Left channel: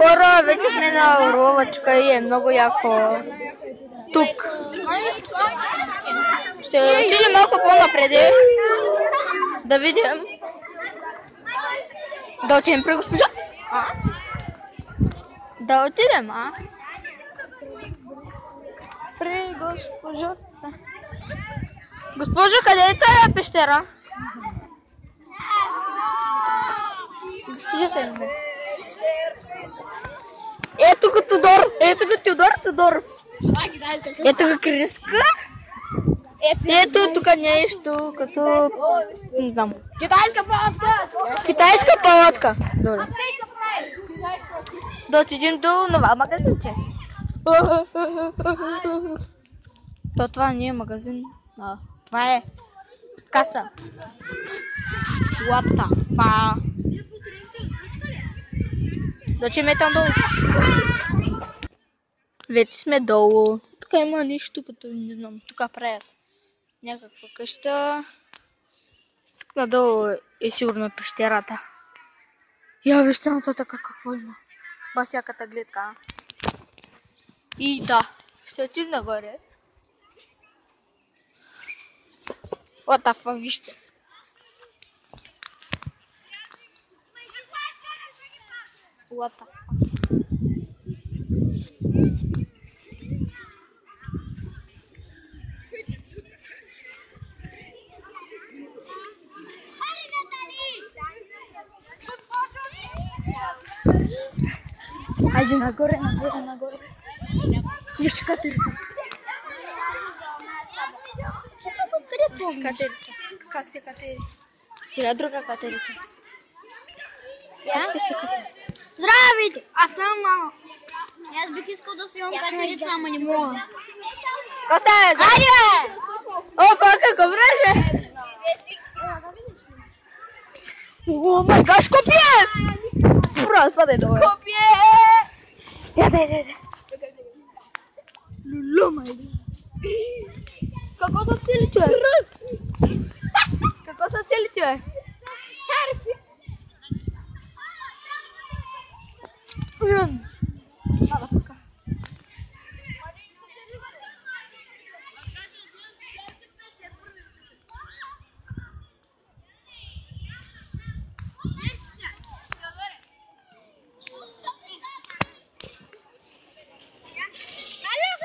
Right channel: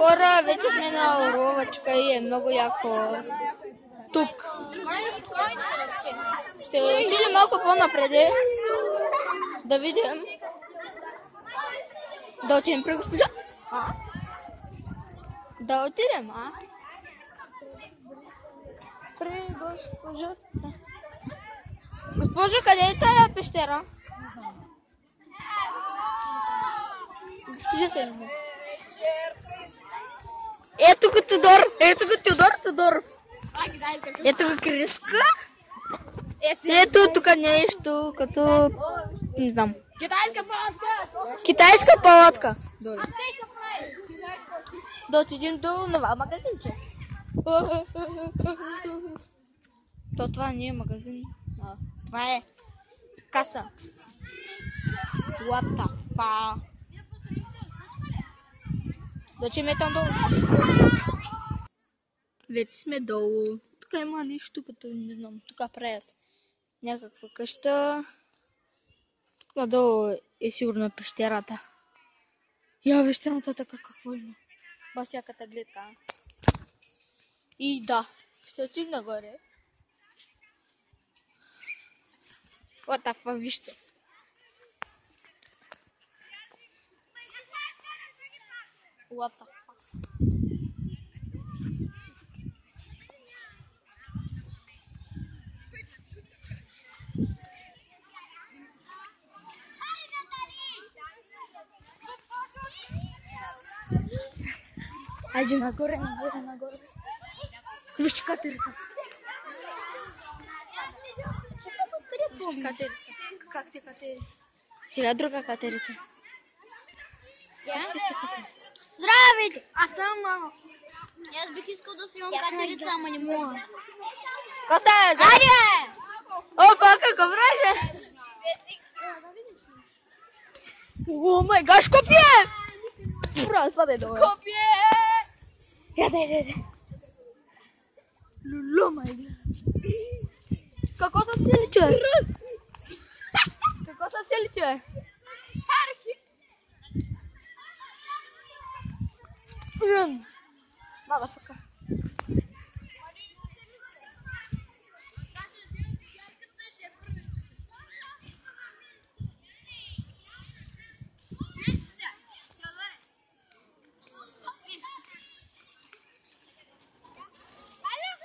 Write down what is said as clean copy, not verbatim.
Хора, вече сме на Орловачка и е много яко. Тук. Ще отидем малко по-напред. Да видим. Да отидем при госпожа. Да отидем, При госпожата. Госпожо, къде е тая пещера? Госпожата е. Ето го Тодор. Ето го Тодор. Ето го Криска. Ето тук нещо, като... Не знам. Китайска палатка. Добре. Да отидем до нова магазинче. Това не е магазин. Това е каса. What the fuck? Зачем е там долу? Вече сме долу. Тук има нещо като, не знам, тук правят някаква къща. Тук надолу е сигурно пещерата. Я вижте нататък какво има. Басяката гледка. И да, ще отидем нагоре. What the fuck, вижте. What the fuck. Айде нагоре. Вижте катерица. Катерица. Как се катери? Сега друга катерица. Как ще се катери? Здравейте! Аз съм мамо. Аз бих искал да си имам катерица, ама не мога. Коста е? Айде, бе! Опа, какво враже? О май гаш, копие! Фраз, падай долу. Копие! Яде. Лулу, май да. Какво са цели, човек? Какво са цели, човек? Рум.